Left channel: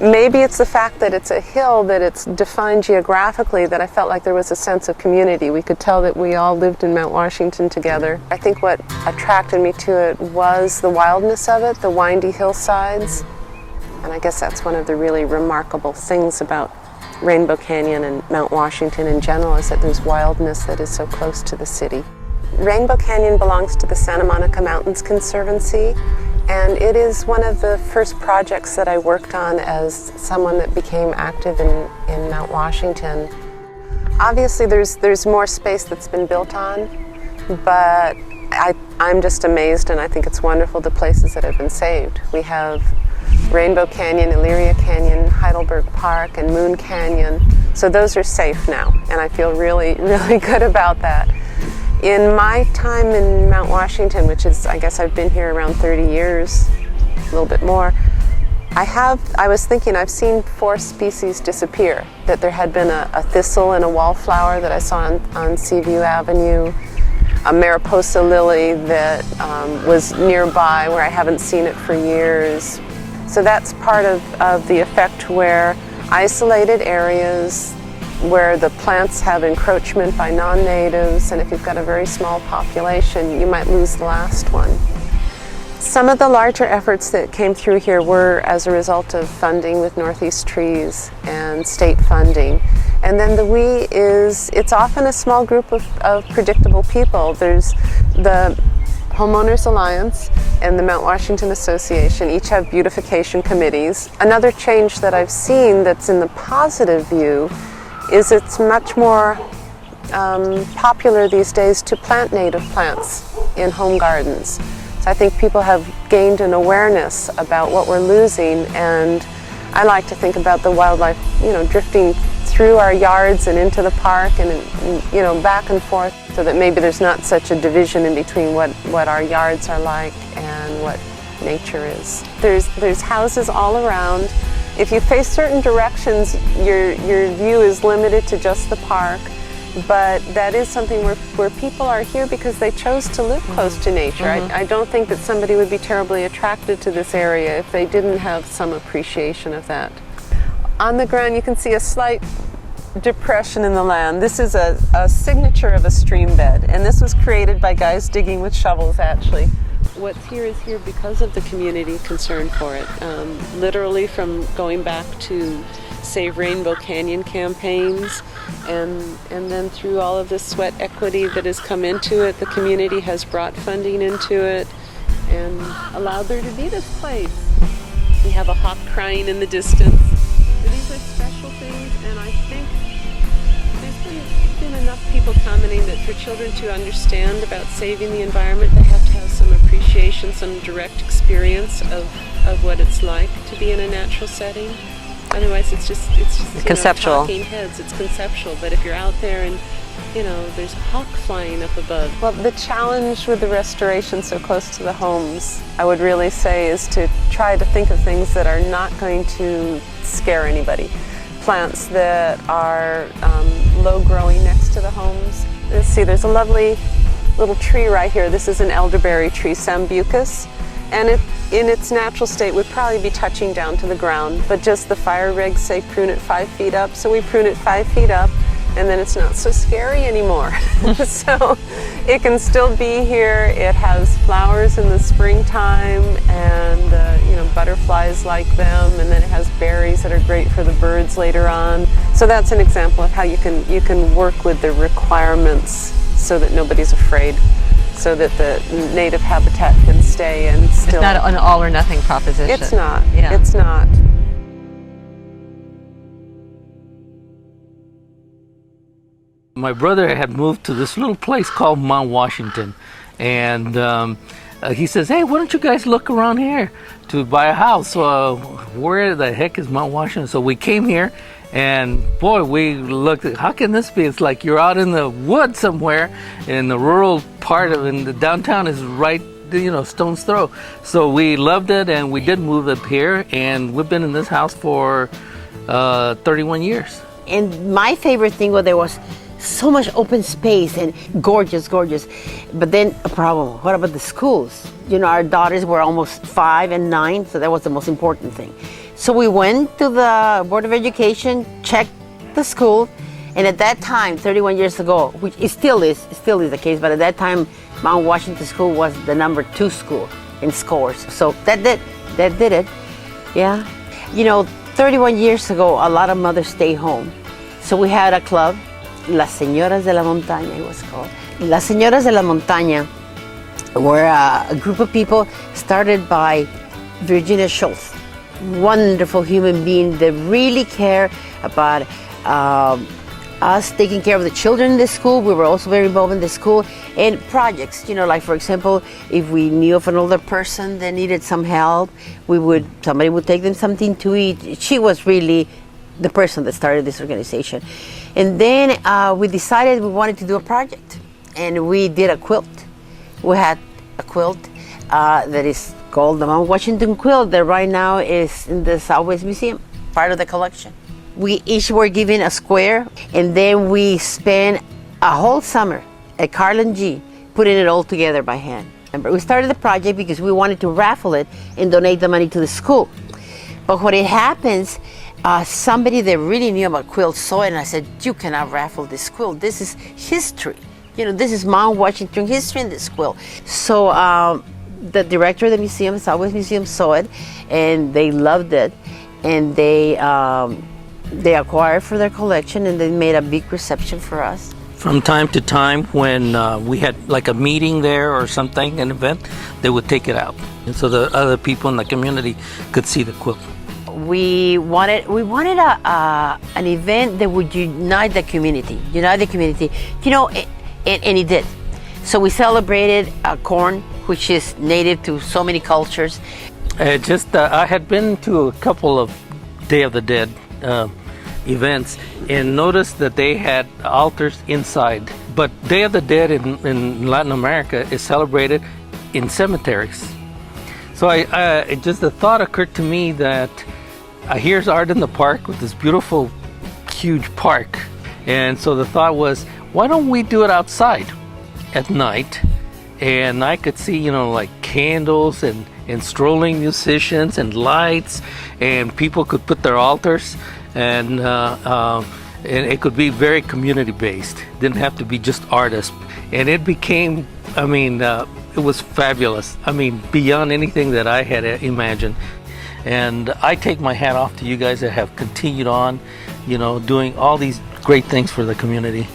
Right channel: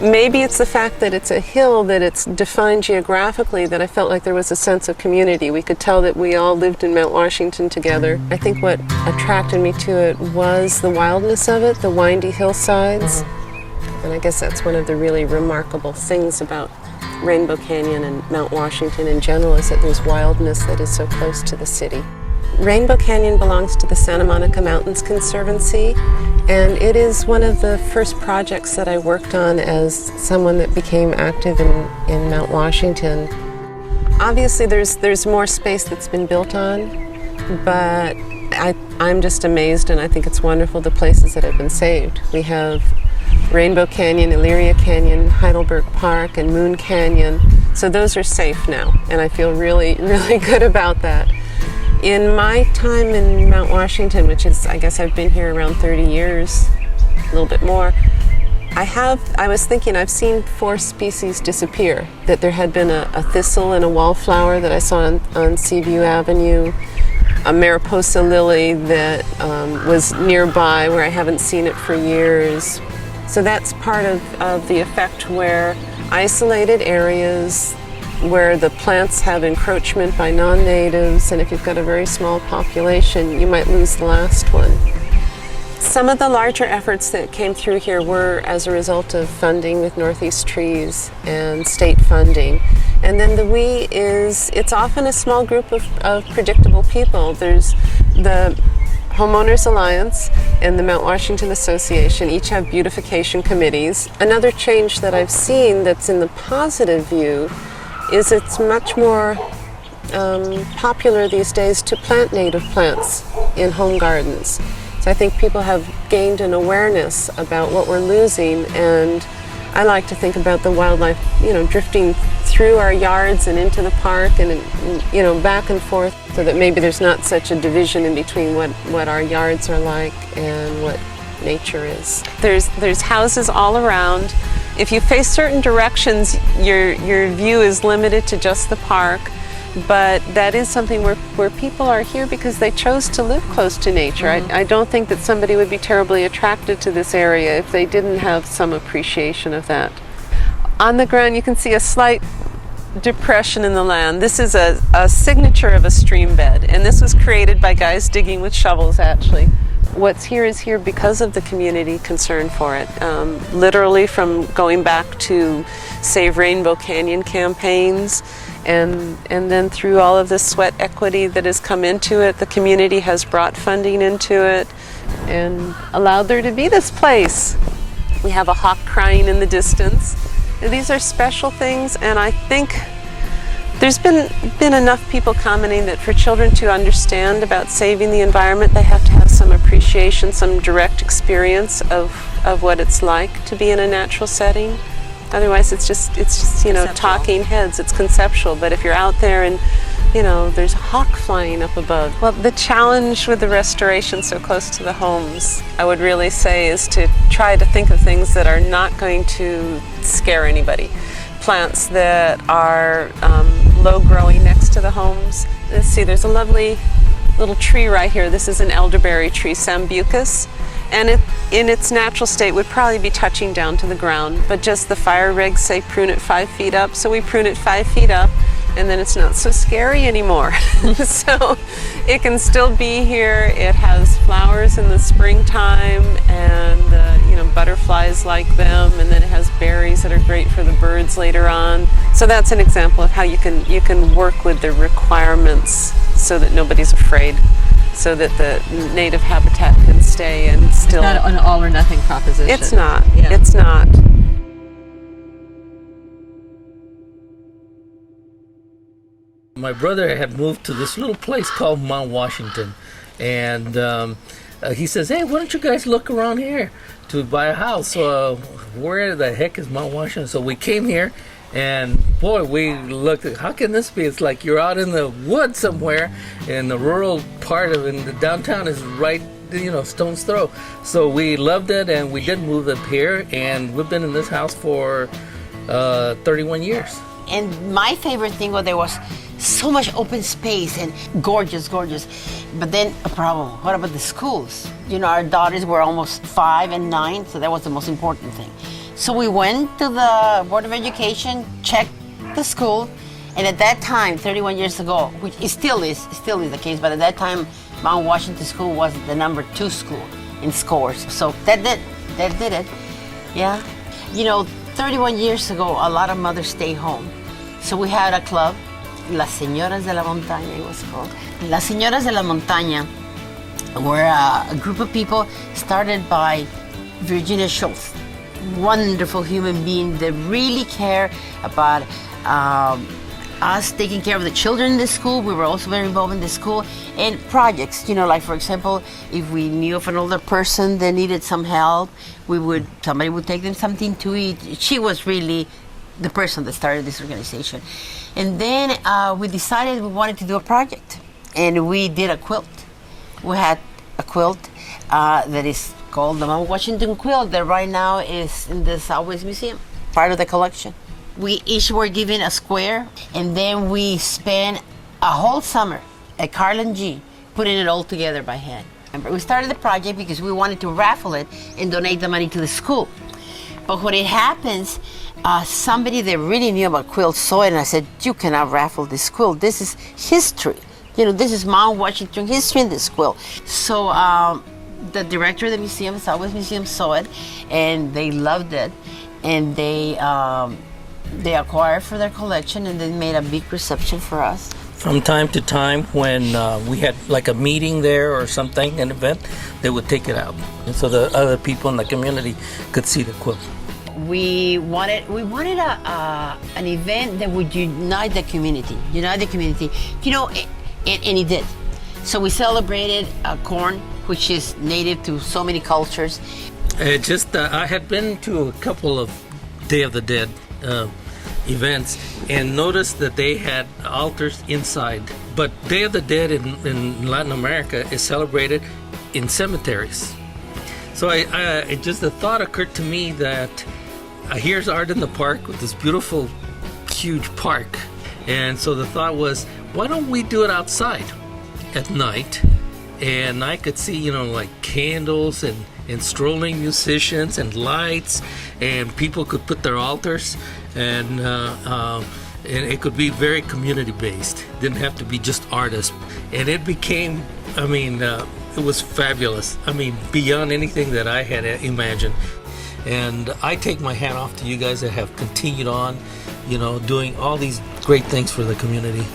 maybe it's the fact that it's a hill, that it's defined geographically, that I felt like there was a sense of community. We could tell that we all lived in Mount Washington together. I think what attracted me to it was the wildness of it, the windy hillsides. And I guess that's one of the really remarkable things about Rainbow Canyon and Mount Washington in general, is that there's wildness that is so close to the city. Rainbow Canyon belongs to the Santa Monica Mountains Conservancy, and it is one of the first projects that I worked on as someone that became active in Mount Washington. Obviously there's more space that's been built on, but I'm just amazed, and I think it's wonderful the places that have been saved. We have Rainbow Canyon, Elyria Canyon, Heidelberg Park, and Moon Canyon. So those are safe now, and I feel really, really good about that. In my time in Mount Washington, which is, I guess I've been here around 30 years, a little bit more, I was thinking I've seen 4 species disappear. That there had been a thistle and a wallflower that I saw on Seaview Avenue, a Mariposa lily that was nearby where I haven't seen it for years. So that's part of the effect, where isolated areas where the plants have encroachment by non-natives, and if you've got a very small population, you might lose the last one. Some of the larger efforts that came through here were as a result of funding with Northeast Trees and state funding. And then the we is, it's often a small group of predictable people. There's the Homeowners Alliance and the Mount Washington Association each have beautification committees. Another change that I've seen that's in the positive view is it's much more popular these days to plant native plants in home gardens. So I think people have gained an awareness about what we're losing, and I like to think about the wildlife, drifting through our yards and into the park and, back and forth, so that maybe there's not such a division in between what our yards are like and what nature is. There's houses all around. If you face certain directions, your view is limited to just the park, but that is something where people are here because they chose to live close to nature. Mm-hmm. I don't think that somebody would be terribly attracted to this area if they didn't have some appreciation of that. On the ground you can see a slight depression in the land. This is a signature of a stream bed, and this was created by guys digging with shovels, actually. What's here is here because of the community concern for it. Literally from going back to Save Rainbow Canyon campaigns, and then through all of this sweat equity that has come into it, the community has brought funding into it and allowed there to be this place. We have a hawk crying in the distance. These are special things, and I think there's been enough people commenting that for children to understand about saving the environment, they have to have some appreciation, some direct experience of what it's like to be in a natural setting. Otherwise, it's just talking heads. It's conceptual. But if you're out there and there's a hawk flying up above. Well, the challenge with the restoration so close to the homes, I would really say, is to try to think of things that are not going to scare anybody. Plants that are low growing next to the homes. Let's see, there's a lovely little tree right here. This is an elderberry tree, Sambucus, and it in its natural state would probably be touching down to the ground, but just the fire regs say prune it 5 feet up, so we prune it 5 feet up, and then it's not so scary anymore. So it can still be here. It has flowers in the springtime, and butterflies like them, and then it has berries that are great for the birds later on. So that's an example of how you can work with the requirements so that nobody's afraid, so that the native habitat can stay and still... It's not an all or nothing proposition. It's not. Yeah. It's not. My brother had moved to this little place called Mount Washington, and he says, "Hey, why don't you guys look around here to buy a house? Where the heck is Mount Washington?" So we came here, and boy, we looked at, how can this be? It's like you're out in the woods somewhere, and the rural part of the downtown is right, stone's throw. So we loved it, and we did move up here, and we've been in this house for 31 years. And my favorite thing was there was so much open space and gorgeous. But then a problem, what about the schools? Our daughters were almost 5 and 9, so that was the most important thing. So we went to the Board of Education, checked the school, and at that time, 31 years ago, which it still is the case, but at that time, Mount Washington School was the number 2 school in scores. So that did it, yeah. 31 years ago, a lot of mothers stay home. So we had a club, Las Señoras de la Montaña, it was called. Las Señoras de la Montaña were a group of people started by Virginia Schultz, wonderful human being that really care about us taking care of the children in the school. We were also very involved in the school in projects, like for example, if we knew of an older person that needed some help, somebody would take them something to eat. She was really the person that started this organization. And then we decided we wanted to do a project, and we did a quilt. We had a quilt that is called the Mount Washington quilt that right now is in the Southwest Museum, part of the collection. We each were given a square, and then we spent a whole summer at Carlin G putting it all together by hand. And we started the project because we wanted to raffle it and donate the money to the school. But when it happens, somebody that really knew about quilts saw it, and I said, you cannot raffle this quilt. This is history. This is Mount Washington history in this quilt. So the director of the museum, Southwest Museum, saw it, and they loved it, and they acquired for their collection, and they made a big reception for us. From time to time, when we had like a meeting there or something, an event, they would take it out, and so the other people in the community could see the quilt. We wanted an event that would unite the community, and it did. So we celebrated corn, which is native to so many cultures. I had been to a couple of Day of the Dead events and noticed that they had altars inside. But Day of the Dead in Latin America is celebrated in cemeteries. So just the thought occurred to me that here's Art in the Park with this beautiful, huge park. And so the thought was, why don't we do it outside at night? And I could see, like candles and strolling musicians and lights, and people could put their altars, and it could be very community based. Didn't have to be just artists. And it became, it was fabulous. Beyond anything that I had imagined. And I take my hat off to you guys that have continued on, doing all these great things for the community.